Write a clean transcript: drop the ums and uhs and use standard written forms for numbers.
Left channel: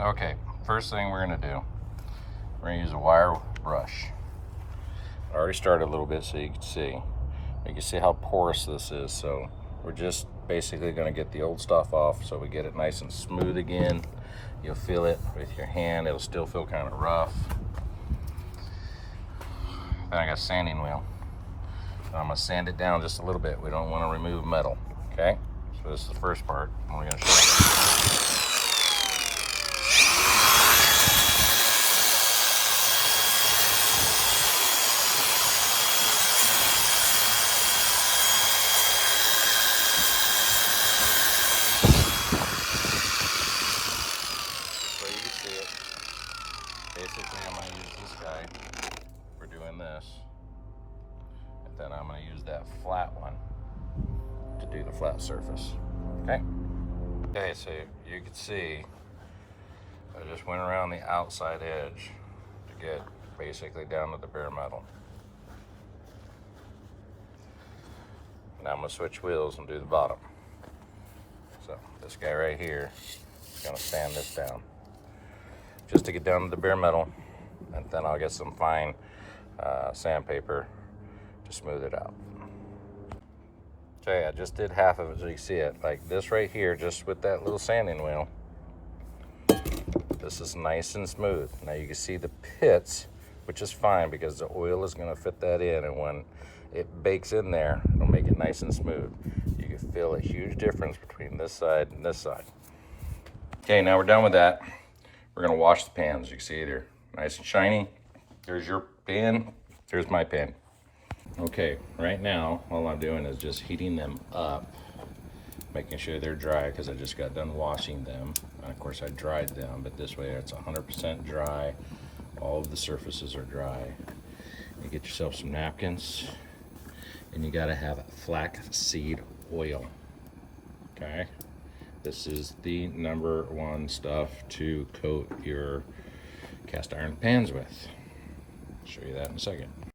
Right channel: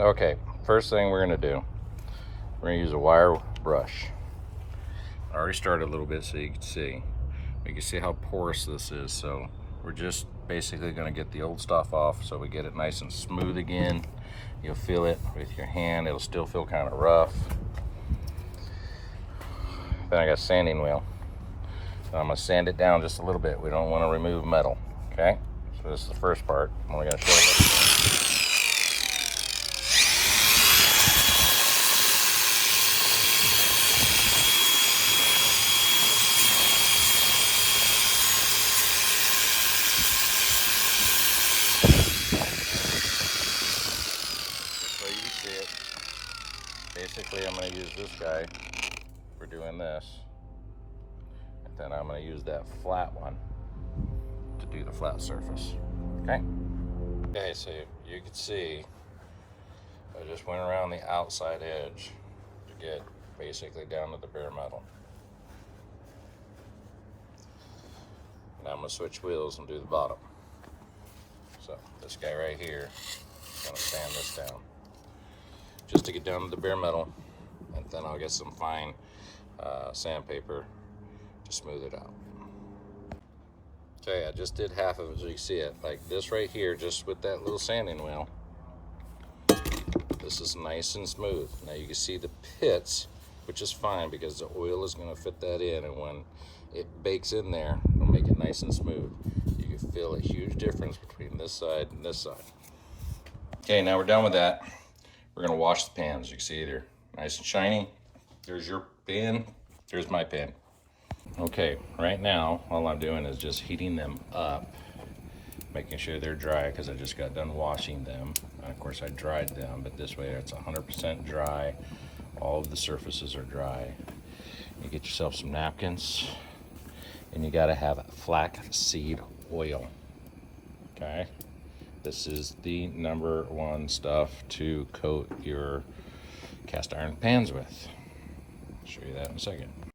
Okay, first thing we're gonna do, we're gonna use a wire brush. I already started a little bit so you can see. You can see how porous this is, so we're just basically gonna get the old stuff off so we get it nice and smooth again. You'll feel it with your hand, it'll still feel kind of rough. Then I got a sanding wheel. I'm gonna sand it down just a little bit. We don't want to remove metal, okay? So this is the first part. We're gonna show you. Basically, I'm going to use this guy for doing this, and then I'm going to use that flat one to do the flat surface. Okay? Okay, so you can see I just went around the outside edge to get basically down to the bare metal. Now I'm going to switch wheels and do the bottom. So this guy right here is going to sand this down just to get down to the bare metal, and then I'll get some fine sandpaper to smooth it out. Okay, I just did half of it so you can see it. Like this right here, just with that little sanding wheel, this is nice and smooth. Now you can see the pits, which is fine because the oil is going to fit that in, and when it bakes in there, it'll make it nice and smooth. You can feel a huge difference between this side and this side. Okay, now we're done with that. We're gonna wash the pans. You can see it here, nice and shiny. There's your pan, there's my pan. Okay, right now, all I'm doing is just heating them up, making sure they're dry because I just got done washing them. And of course, I dried them, but this way it's 100% dry. All of the surfaces are dry. You get yourself some napkins, and you gotta have flaxseed oil, okay? This is the #1 stuff to coat your cast iron pans with. I'll show you that in a second.